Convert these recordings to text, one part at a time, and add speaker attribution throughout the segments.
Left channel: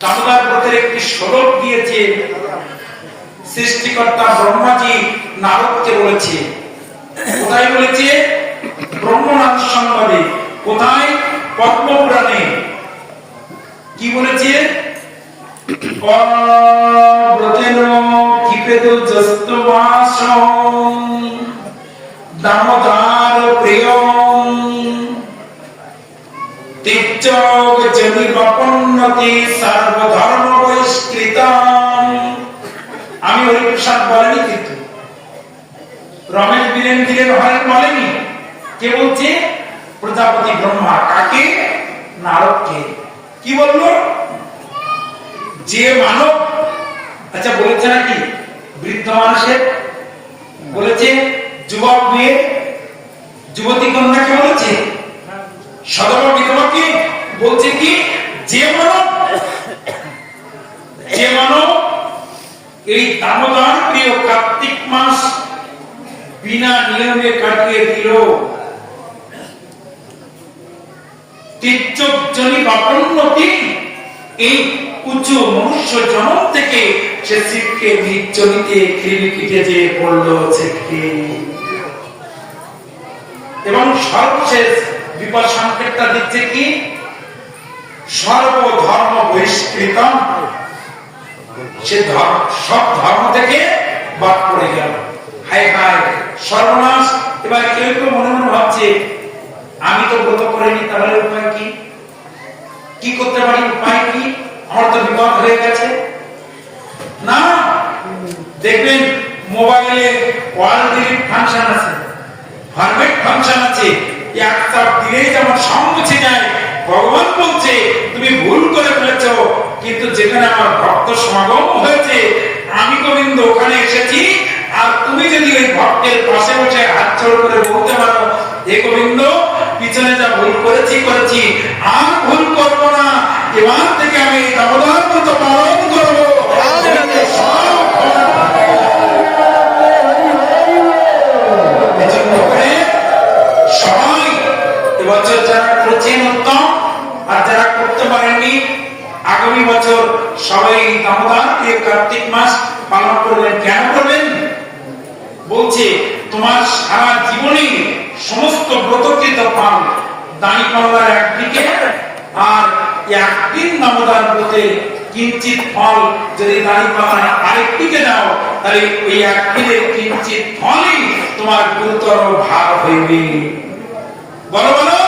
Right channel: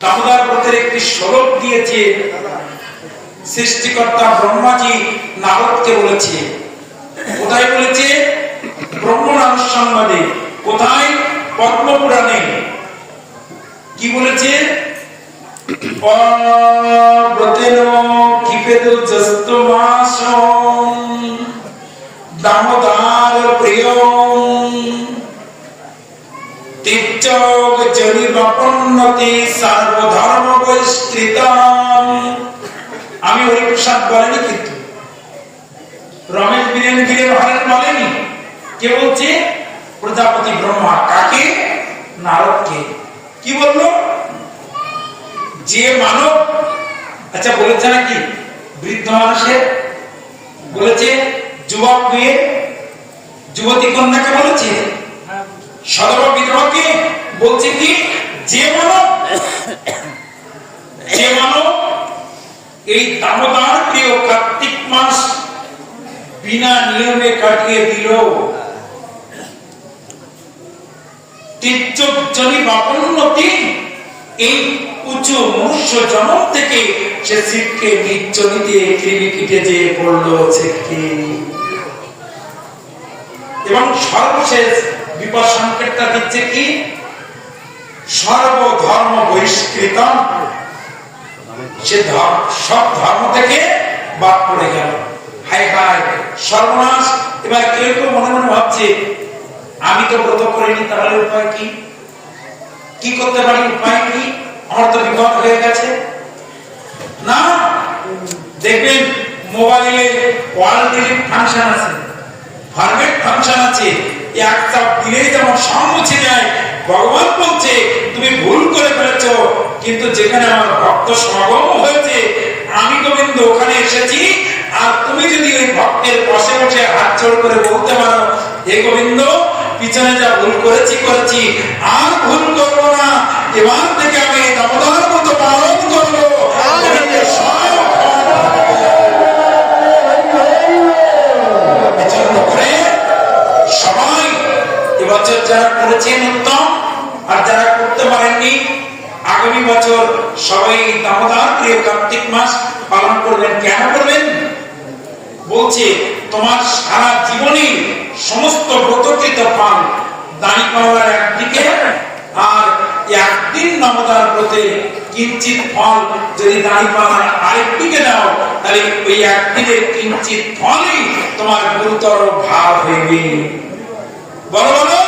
Speaker 1: দামোদর ব্রতের একটি স্বরূপ দিয়েছে সৃষ্টিকর্তা ব্রহ্মাজি নারদকে বলেছে। কোথায় বলেছে? ব্রহ্মনাথ সংবাদে। কোথায়? পদ্মপুরাণে। কি বলেছে? দামোদার আমি কিন্তু। রমেশ বীরেন বীরেন হরেন বলেনি। কে বলছে? প্রজাপতি ব্রহ্মা। কাকে? নারদকে। কি বলল? যে মানব আচ্ছা বলেছে নাকি? বৃদ্ধ মানুষের বলেছে, যুবক মেয়ে। যুবতী কন্যাকে বলেছে? সদবা বলছে কি? যে মানব যে মানব এই দামোদর প্রিয় কার্তিক মাস বিনা নিয়মে কাটিয়ে দিল মনুষ্য জনম থেকে সে পড়ল এবং সর্বশেষ বিপদ সংকেতটা দিচ্ছে কি? সর্বধর্ম বহিষ্কৃত সে সব ধর্ম থেকে বাদ পড়ে গেল। হাই হাই সর্বনাশ। এবার কেউ কেউ মনে মনে ভাবছে, আমি তো ব্রত করিনি, তাহলে উপায় কি? কি করতে পারি? উপায় কি? আমার তো বিপদ হয়ে গেছে। না, দেখবেন মোবাইলে ওয়ার্ল্ড ফাংশন আছে। ফরমেট ফাংশন আছে। এক চাপ দিলেই যেমন সব মুছে যায়, ভগবান বলছে, তুমি ভুল করে ফেলেছ, কিন্তু যেখানে আমার ভক্ত সমাগম হয়েছে, আমি গোবিন্দ, ওখানে এসেছি। আর তুমি যদি ওই ভক্তের পাশে বসে হাত জোড় করে বলতে পারো, হে গোবিন্দ, পিছনে যা ভুল করেছি করেছি, আর ভুল করব না। এবার থেকে আমি করেছেন উত্তম আর যারা করতে পারেননি, আগামী বছর সবাই প্রিয় কার্তিক মাস পালন করবেন। কেন করবেন? বলছে, তোমার সারা জীবনে সমস্ত ফল দানি একদিকে আর একদিন কিঞ্চিত ফল যদি দানি পাওয়ার আরেকদিকে দাও, তাহলে ওই একদিনের কিঞ্চিত ফলই তোমার গুরুতর ভাব হইবে। বলো বলো।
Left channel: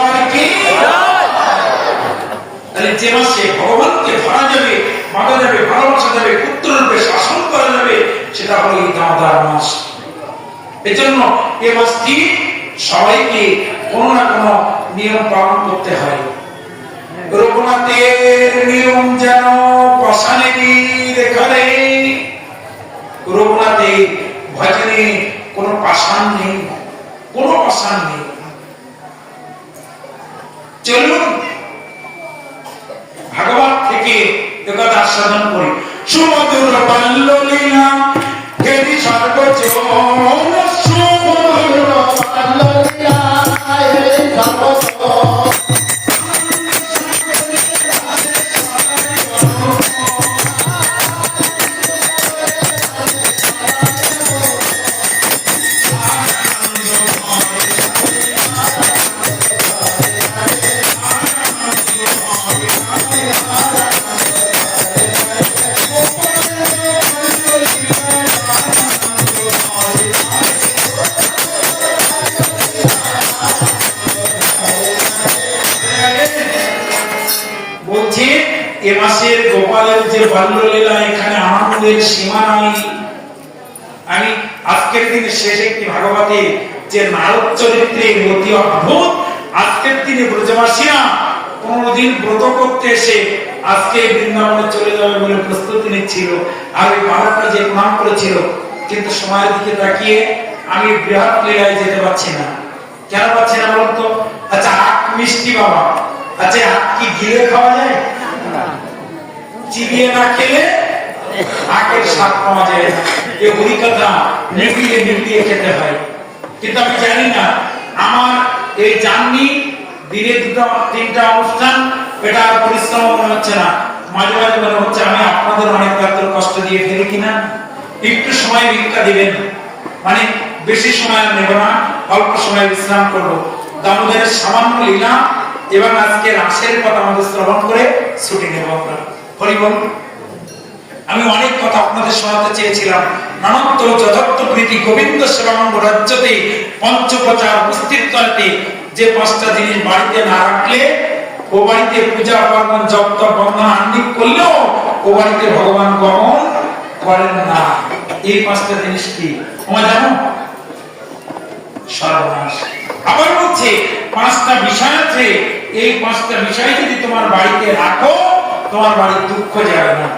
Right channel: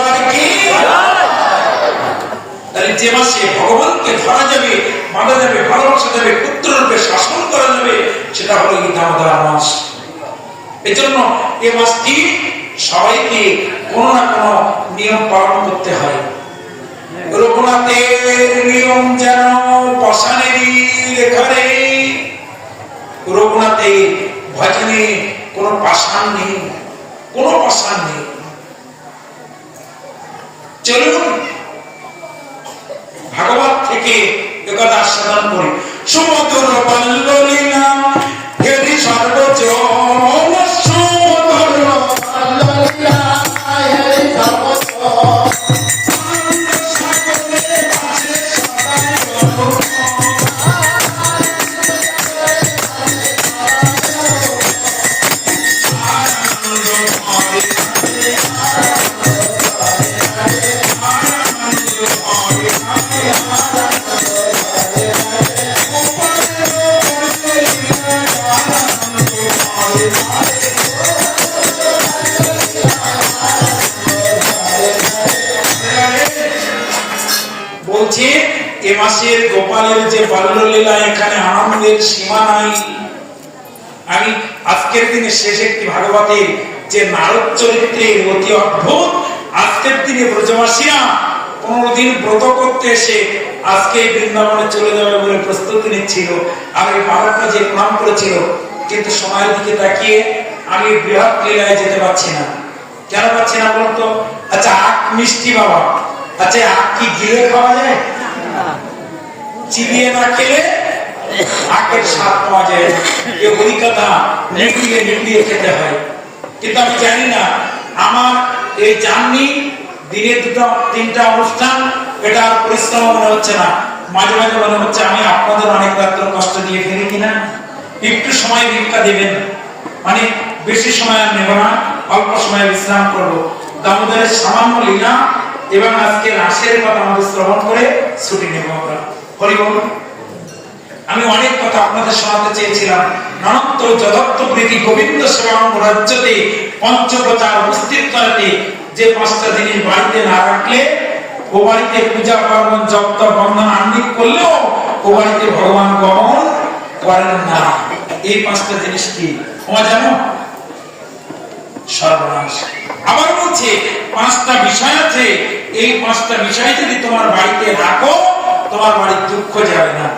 Speaker 1: যে মাসে ভগবানকে ধরা যাবে বাঁধা যাবে, ভালোবাসা যাবে পুত্র রূপে শাসন করা যাবে, সেটা হলো এই দামোদর মাস। এই জন্য এ মাসটি সবাইকে কোনো না কোনো নিয়ম পালন করতে হয়। রঘুনাথের নিয়ম যেন পাশানেরই রেখারে। রঘুনাথের ভজনে কোনো পাষাণ নেই, কোনো পাষাণ নেই। চলুন ভাগবত থেকে একথা আস্বাদন করি। সুমধুর পাল্লিনা হেরি সর্বজন বলছে, এ মাসের গোপালের যে বাল্যলীলা, এখানে আনন্দের সীমা নাই। আমি আজকের দিনে শেষ একটি ভাগবতের যে নারদ চরিত্রে অতি অদ্ভুত, আজকের দিনে ব্রজবাসিয়া কোনদিন ব্রত করতে এসে আজকে বৃন্দাবনে চলে যাবে বলে প্রস্তুতি নিচ্ছিল আর ওই বালকটা যে প্রণাম করেছিল, কিন্তু সময়ের দিকে তাকিয়ে আমি বৃহৎ লীলায় যেতে পারছি না। কেন পাচ্ছি না বলতো? আচ্ছা আখ মিষ্টি বাবা আচ্ছা আখ গিলে খাওয়া যায়? চিবিয়ে না খেলে আখের স্বাদ পাওয়া যায়। এ ওই কথা নিবিয়ে খেতে হয়। কিন্তু আমি জানি না, আমার এই জার্নি দিনে দুটো, তিনটা অনুষ্ঠান, এটা আর পরিশ্রম মনে হচ্ছে না। মাঝে মাঝে মনে হচ্ছে, আমি আপনাদের অনেক রাত্র কষ্ট দিয়ে ফেলি কিনা? একটু সময় ভিক্ষা দিবেন। মানে বেশি সময় নেব না, অল্প সময় বিশ্রাম করব। দামোদরের সামান্য লীলা এবং আজকে রাসের কথা আমাদের শ্রবণ করে ছুটি নেব আমরা। আমি অনেক কথা আপনাদের শোনাতে চেয়েছিলাম। যথার্থ প্রীতি, গোবিন্দ রাজ্যতে পঞ্চপ্রচার যে পাঁচটা জিনিস বাড়িতে না রাখলে, ও বাড়িতে পূজা, পার্বণ বন্ধন করলেও ও বাড়িতে ভগবান গমন করেন না। এই পাঁচটা জিনিস কি? তোমার জানো? সর্বনাশ। আবার বলছে, পাঁচটা বিষয় আছে এই পাঁচটা বিষয় যদি তোমার বাড়িতে রাখো, তোমার বাড়ির দুঃখ যাবে না।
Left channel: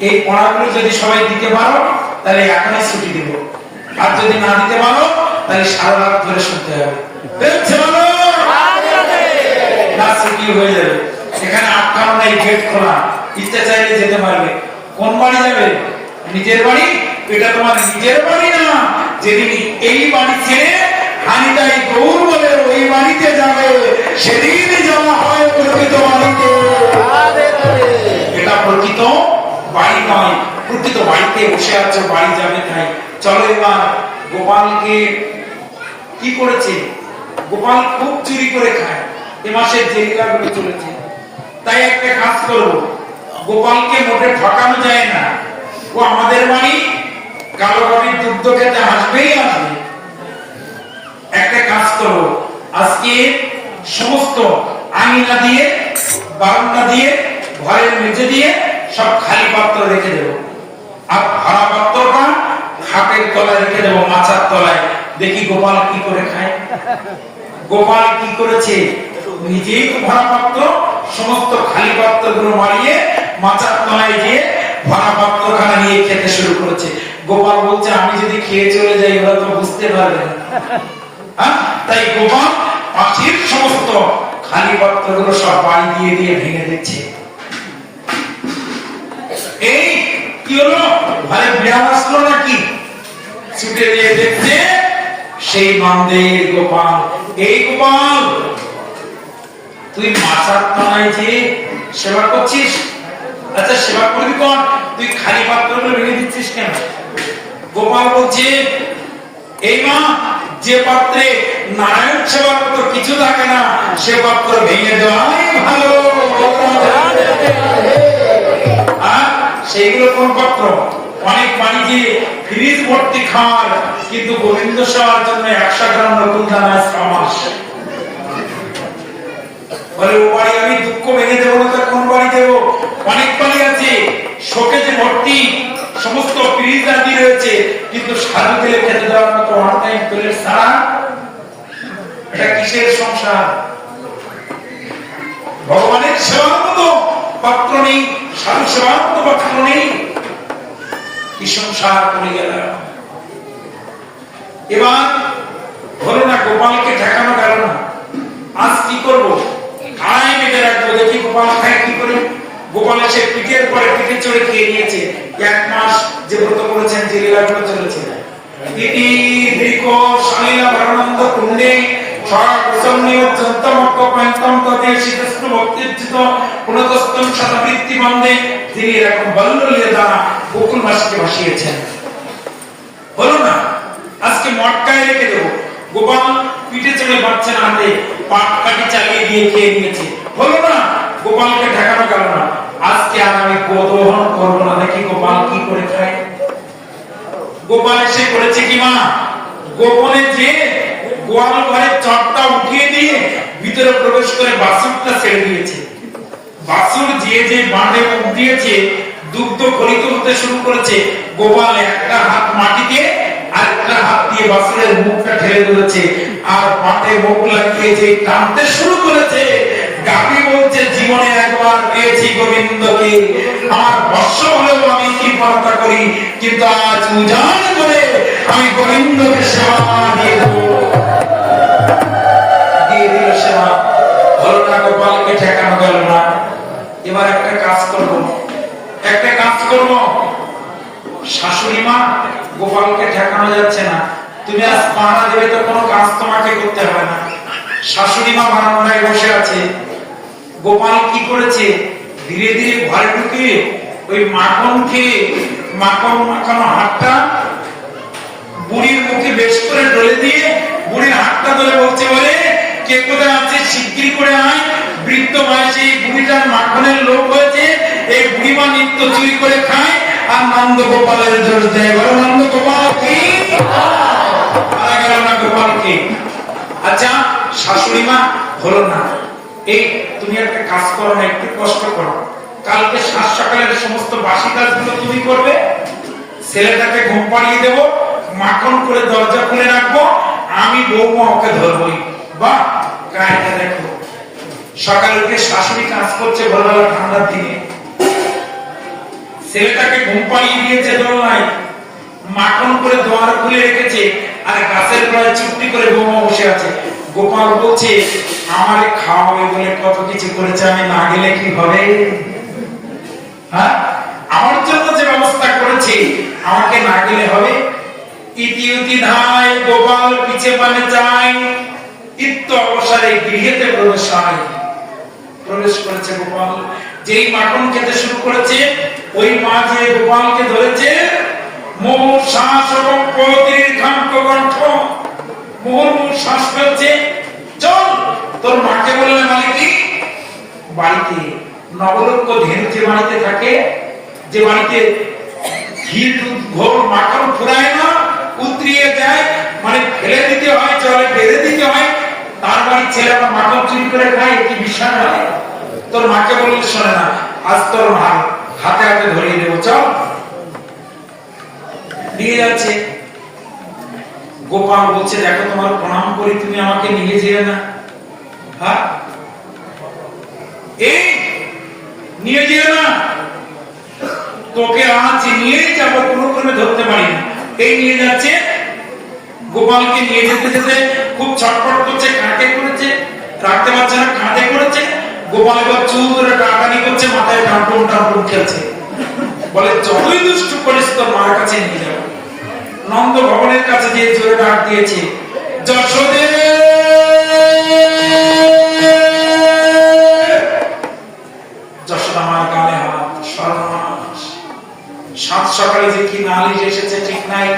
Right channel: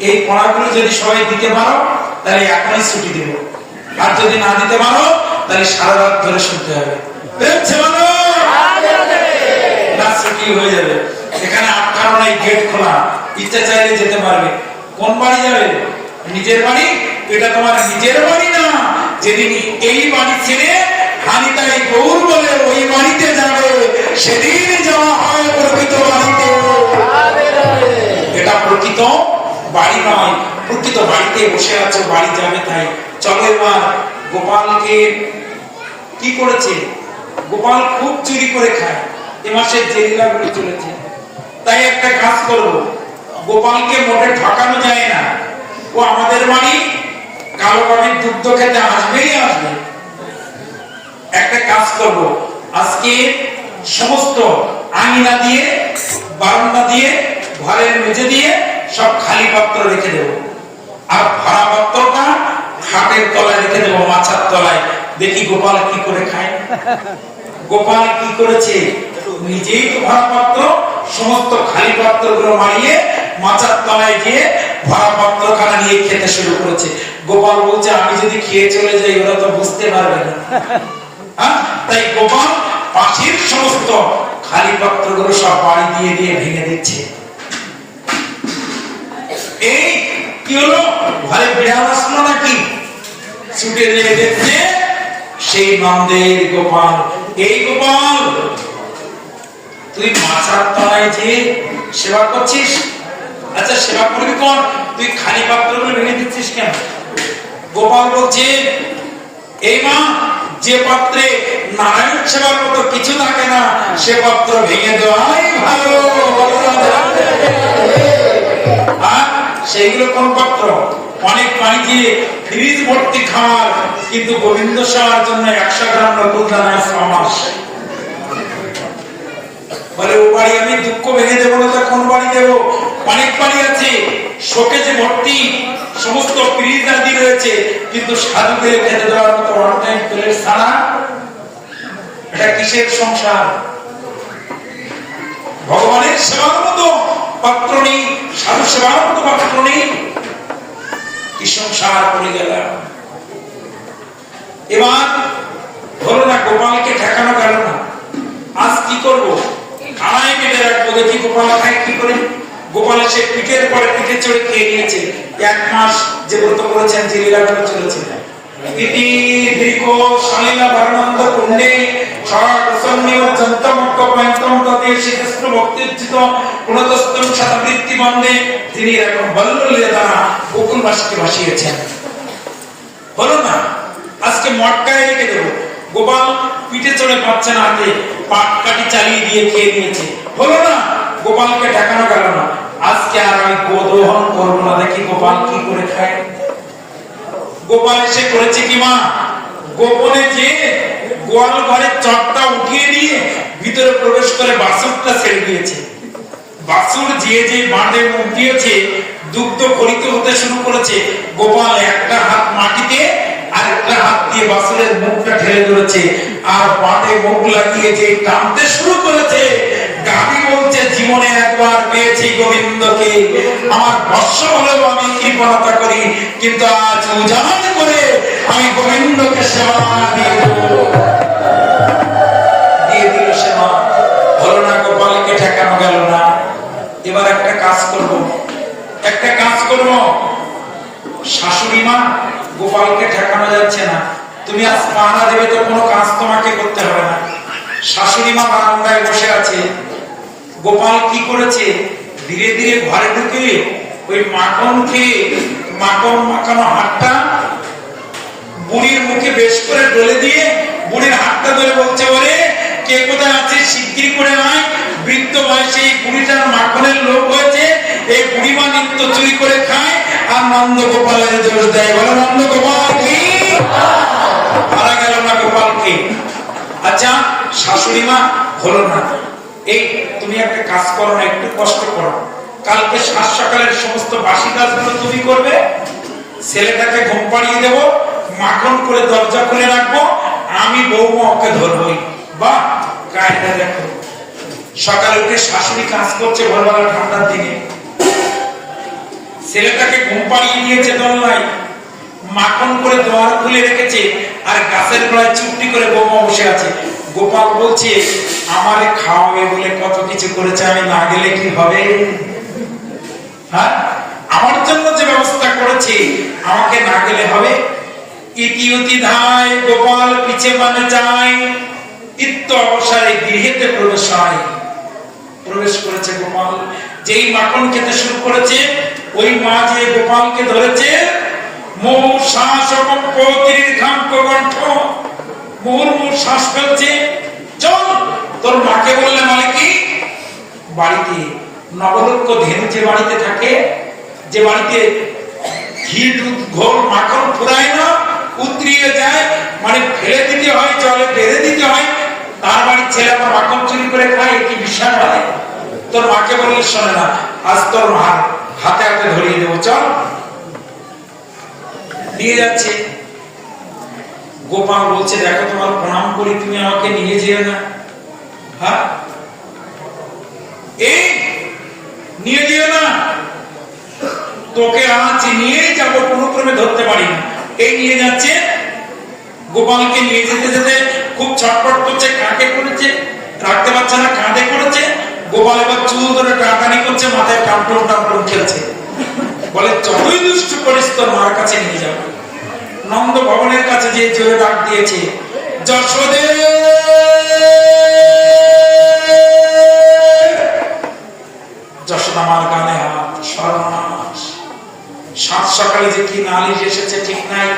Speaker 1: এই পড়াগুলো যদি সবাই দিতে পারো, তাহলে এখনই ছুটি দিব। আর যদি না দিতে পারো, তাহলে সারা রাত ধরে শুনতে হবে। হয়ে যাবে? এখানে নাই, গেট খোলা। ইচ্ছা চাইলে যেতে পারবে। কোন বাড়ি যাবে? নিজের বাড়ি? এটা তোমার নিজের বাড়ি না। যেদিন এই বাড়ি ছেড়ে হানিতাই গৌর বলে ওই বাড়িতে যাবে। সেদিন যাওয়া হয় প্রকৃত বাড়িতে। এটা প্রকৃত বাড়ি নয়, প্রকৃত বাড়িতে বসে আছো, বাড়ি যাবে তাই। চলো এবার গোপালকে কি করেছে? গোপাল খুব চুরি করে খায়। এ মাসের যে লীলাগুলো চলেছে তাই একটা কাজ করব গোপালকে মোটে ঠকানো যায় না। ও আমাদের বাড়ি, কালো বাড়ির দুগ্ধ খেতে আসবেই আসবে। একটা কাজ করব। আজকে সমস্ত আঙিনা দিয়ে, বারান্দা দিয়ে, ঘরের মেঝে দিয়ে সব খালি পাত্র রেখে দেব। আর ভরা পাত্রটা খাটের তলায় রেখে দেবো মাচার তলায়। দেখি গোপাল কি করে খায়। গোপাল কি করেছে? নিজেই তো ভরা পাত্র, সমস্ত খালি পাত্রগুলো মারিয়ে মাচার তলায় গিয়ে ভরা পাত্রখানা নিয়ে খেতে শুরু করেছে। গোপাল বলছে, আমি যদি খেয়ে চলে যাই, ওরা তো বুঝতে পারবে না। হ্যাঁ? তাই গোপাল পাখির সমস্ত খালি পাত্রগুলো সব বাড়ি দিয়ে দিয়ে ভেঙে দিচ্ছে। এই কি হলো? ঘরে বিড়াল আসলো নাকি? ছুটে নিয়ে দেখছে সেই নন্দের গোপাল। এই গোপাল, তুই মাছার তলায় যে সেবা করছিস? আচ্ছা সেবা করবি কর। তুই খালি পাত্রগুলো ভেঙে দিচ্ছিস কেন? গোপাল বলছে, এই মা যে পাত্রে নারায়ণ সেবার মতো কিছু থাকে না, সে পাত্র ভেঙে দেওয়াই ভালো। আর সেইগুলো কোন পাত্র? অনেক পানি দিয়ে ফ্রিজ ভর্তি খাওয়ার, কিন্তু গোবিন্দ সেবার জন্য একশো গ্রাম নতুন দানা সমাস বলে, ও বাড়ি আমি দুঃখ ভেঙে দেবো না কোন বাড়ি দেবো? অনেক পানি আছে, শোকেজে ভর্তি সমস্ত ফ্রিজ আদি রয়েছে, কিন্তু সাধুকে খেতে দেওয়ার মতো ওয়ান প্লেট ছাড়া এটা কিসের সংসার? ভগবানের সেবার মতো পাত্র নেই সাধু সেবার মতো পাত্র নেই। কি সংসার পড়ে গেল এবার হলো না গোপালকে ঠেকানো গেল না আজ কি করব আড়াই বেঁধে রাখব দেখি গোপাল খায় কি করে এসে পিঠের পরে পিঠে চড়ে খেয়ে নিয়েছে। এক মাস যে ব্রত করেছেন, যে চলেছে। গোকুলবাসীকে ভাসিয়েছেন। হলো না? আজকে মটকায় রেখে দেবো। গোপাল পিঠে চড়ে পাচ্ছে না পাট কাটি চালিয়ে দিয়ে খেয়ে নিয়েছে। হলো না? গোপালকে ঠেকানো গেল না। আজকে আর আমি গোদোহন করব না। দেখি গোপাল কি করে খায়। গোপাল এসে করেছে কি মা, গোপনে যে গোয়াল ঘরের চটটা উঠিয়ে দিয়ে ভিতরে প্রবেশ করে বাসুরটা ছেড়ে দিয়েছে। বাসুর যে যে বাঁধে মুখ দিয়েছে, দুগ্ধ গলিত হতে শুরু করেছে। গোপাল একটা হাত মাটিতে আর একটা হাত দিয়ে বাসুরের মুখটা ঠেলে ধরেছে। আর বাঁধে মুখ লাগিয়ে যে টানতে শুরু করেছে গাবি বলছে জীবনে একবার পেয়েছি গোবিন্দকে। আমার বর্ষ হলেও আমি কৃপণতা করি, কিন্তু আজ উজান করে আমি গোবিন্দকে সেবা দিয়ে এবার একটা কাজ করব। একটা কাজ করব। শাশুড়ি মা, গোপালকে ঠেকানো যাচ্ছে না। তুমি আজ পাহারা দেবে তো কোনো কাজ তোমাকে করতে হবে না। শাশুড়ি মা বারান্দায় বসে আছে। গোপাল কি করেছে? ধীরে ধীরে ঘরে ঢুকে ওই মাখন খেয়ে মাখন মাখানো হাতটা বুড়ির মুখে বেশ করে ডলে দিয়ে বুড়ির হাতটা ধরে বলছে বলে কে কোথায় আছে? শিগগিরি করে আয়। বৃদ্ধ বয়সে এই বুড়িটার মাখনের লোক হয়েছে। এই বুড়িমা নিত্য চুরি করে খায় আর নন্দ গোপালের জোর দেয়। বলো, নন্দ গোপাল কি? মারা গেল না গোপালকে। আচ্ছা শাশুড়ি মা হলো না। এই তুমি একটা কাজ করো না, একটু কষ্ট করো। কালকে সাত সকালের সমস্ত বাসি কাজগুলো তুমি করবে। ছেলেটাকে ঘুম পাড়িয়ে দেব, মাখন করে দরজা খুলে রাখব, আমি বৌমা ওকে ধরবই। বা কায়দা দেখো। সকাল উঠে শাশুড়ি কাজ করছে ভোরবেলা ঠান্ডার দিনে। ছেলেটাকে ঘুম পাড়িয়ে দিয়েছে দোলনায় মাখন করে দোয়ার খুলে রেখেছে আর গাছের গোড়ায় চুপটি করে বৌমা বসে আছে। গোপাল বলছে, আমারে খাওয়াবে বলে কত কিছু করেছে, আমি না গেলে কি হবে? হ্যাঁ? আমার জন্য যে ব্যবস্থা করেছে, আমাকে না গেলে হবে? ইতি উতি ধায় গোপাল পিছে মানে যায়। ইত্য অবসরে গৃহেতে প্রবেশ হয়। প্রবেশ করেছে গোপাল। যেই মাখন খেতে শুরু করেছে, ওই মা গোপালকে ধরেছে মোহ শ্বাস এবং পতির ঘাম কণ্ঠ মুহুর্মুর শ্বাস ফেলছে বাড়িতে বাড়িতে থাকে, যে ঘোর মাখন ফুরায় না, উতরিয়ে যায় মানে ফেলে দিতে হয়, জলে ঢেলে দিতে হয়, তার বাড়ির ছেলে মাখন চুরি করে খায় কি বিষয় হয়? তোর মাকে বললে, শোনে না, আজ তোর হাতে হাতে ধরিয়ে দেবো, চল। দিয়ে যাচ্ছে। গোপাল বলছে, দেখো তোমার প্রণাম করি তুমি আমাকে নিয়ে যেও না। হ্যাঁ? এই, নিয়ে যেও না। তোকে আজ নিয়ে কোনো ক্রমে ধরতে পারি এই নিয়ে যাচ্ছে। গোপালকে নিয়ে যেতে যেতে খুব ছটপট করছে, কাকে করেছে? রাখতে পারছে না, কাঁধে করেছে। গোপাল এবার চুল ধরে টাটানি করছে, মাথায় টানটুন টানটুন খেলছে। বলে, যতই দুষ্টু করিস, তোর মার কাছে নিয়ে যাব। নন্দ ভবনের কাছে যে জোরে ডাক দিয়েছে, যশোদে! যশোদা আমার গানে হাত সর্বনাশ। সাত সকালে যে কি নালিশ এসেছে ঠিক নাই।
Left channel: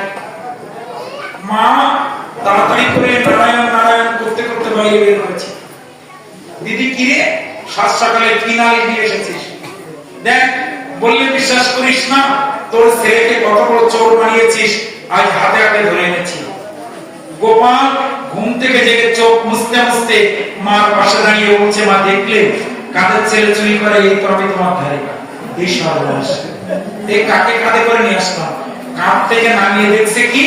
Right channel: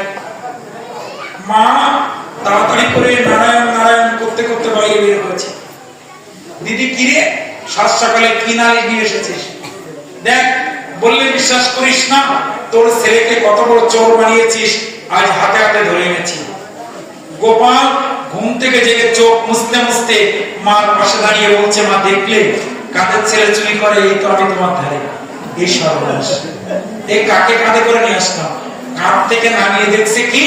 Speaker 1: মা, তাড়াতাড়ি করে নারায়ণ নারায়ণ করতে করতে বাইরে বের হয়েছে। দিদি কিরে সাত সকালে কি নালিশ নিয়ে এসেছিস? দেখ, বললে বিশ্বাস করিস না, তোর ছেলেকে কত বড় চোর বানিয়েছিস। আজ হাতে হাতে ধরে এনেছি। গোপাল ঘুম থেকে জেগে চোখ মুছতে মুছতে মার পাশে দাঁড়িয়ে বলছে, মা, দেখলে কাদের ছেলে চুরি করে এই তো আমি তোমার ধারে? এই সর্বনাশ। এই কাকে কাঁধে করে নিয়ে আসলাম? কাঁধ থেকে নামিয়ে দেখছে কি?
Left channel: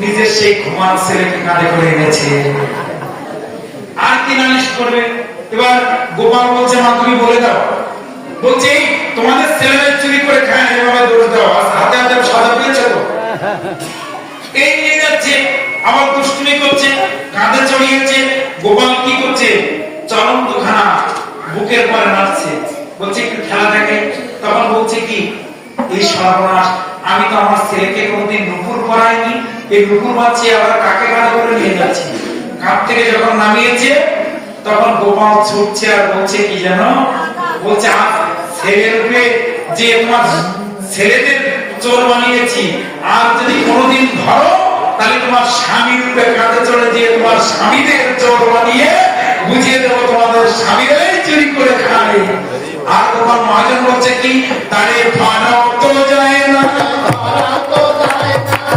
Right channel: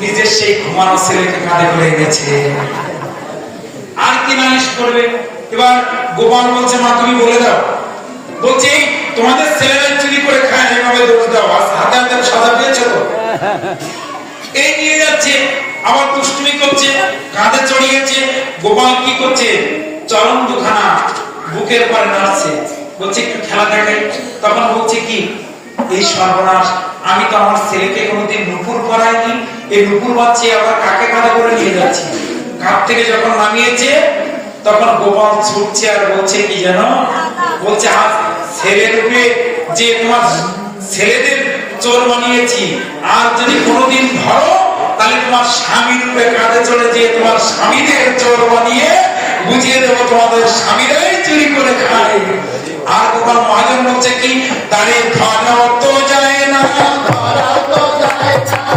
Speaker 1: নিজের সেই ঘুমানো ছেলেকে কাঁধে করে এনেছে। আর কি নালিশ করবে? এবার গোপাল বলছে, মা, তুমি বলে দাও। বলছি, তোমাদের ছেলেরা চুরি করে খায়, এভাবে দোষ দাও। হাতে হাতে সাদা পেয়েছ? এই নিয়ে যাচ্ছে, আবার দুষ্টুমি করছে, কাঁধে চড়িয়েছে গোপাল কি করছে? চরম দুখানা বুকের পরে নাচছে। বলছে, একটু খেলা দেখে। তখন বলছে কি, এই সর্বনাশ, আমি তো আমার ছেলেকে নুপুর এই নুপুর বাচ্চে আবার কাকে কাঁধে করে নিয়ে যাচ্ছি? কাঁধ থেকে যখন নামিয়েছে, তখন গোপাল ছুটছে আর বলছে, কি জানো বলছে ছেলে রূপে যে তোমার ছেলেদের চোর বানিয়েছি। আর যদি কোনোদিন ধরো, তাহলে তোমার স্বামী রূপে কাঁধে চলে যে তোমার স্বামীদের চোর বানিয়ে বুঝিয়ে দেবো তোমাদের স্বামীরাই চুরি করে খায়। আর তোমার মহাজন হচ্ছে কি, তারে ধরা তো যায় না ধরা তো যায় মাই